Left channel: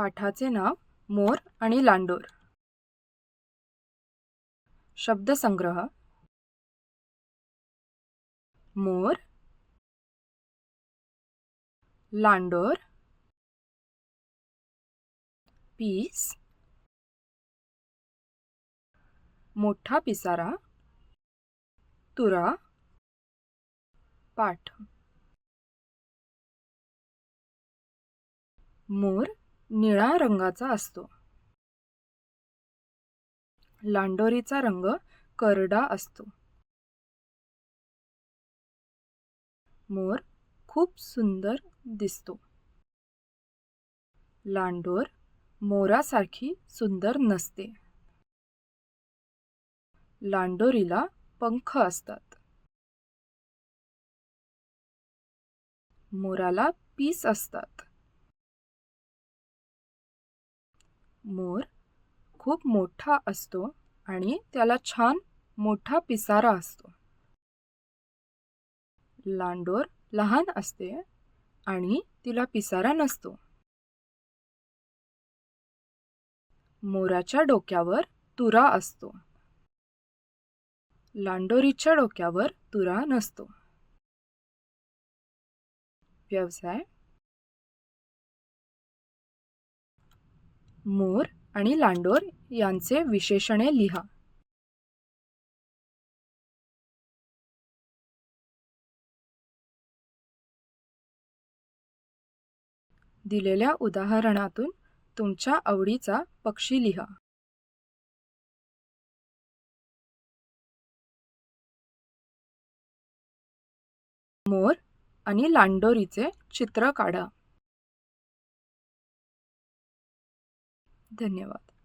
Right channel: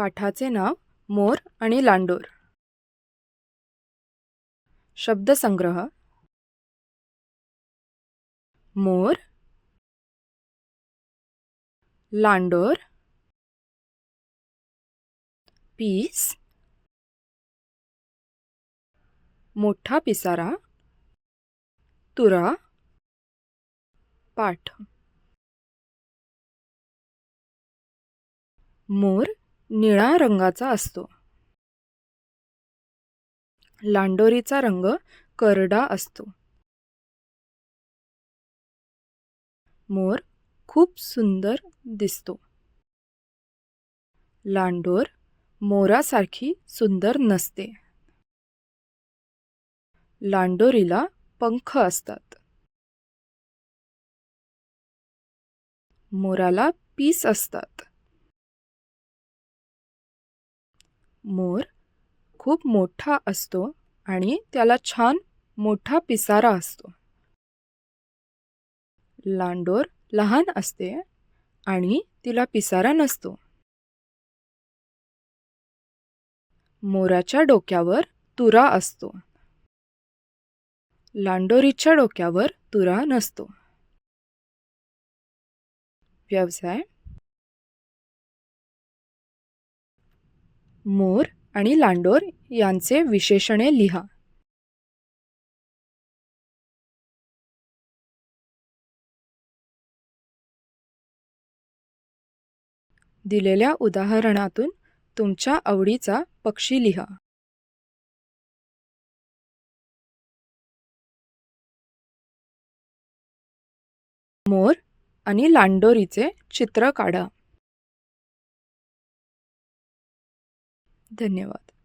पाठाचे नाव मोर आणि लांडोर. शब्दसंग्रह. मोर, लांडोर, पीस, मोठा पिसारा, तुरा, पाठ. मोर निळा रंगाचा असतो. लांडोरीचा रंग करडा असतो. मोर खूप सुंदर दिसतो. लांडोर मोरासारखी सुंदर नसते. लांडोरीला पंख असतात. मोराला पीस असतात. मोर खूप मोठा असतो आणि त्याला छान मोठा पिसारा असतो. लांडोर लहान असते आणि तिला पिसारा नसतो. मोराच्या डोक्यावर तुरा असतो. लांडोरीच्या डोक्यावर तुरा नसतो. व्यवसाय. मोर आणि लांडोर यांचे विशेषणे लिहा. दिलेल्या उदाहरणातून तुमच्या आवडीचा पक्षी लिहा. मोर आणि लांडोरीचे चित्र काढा. धन्यवाद.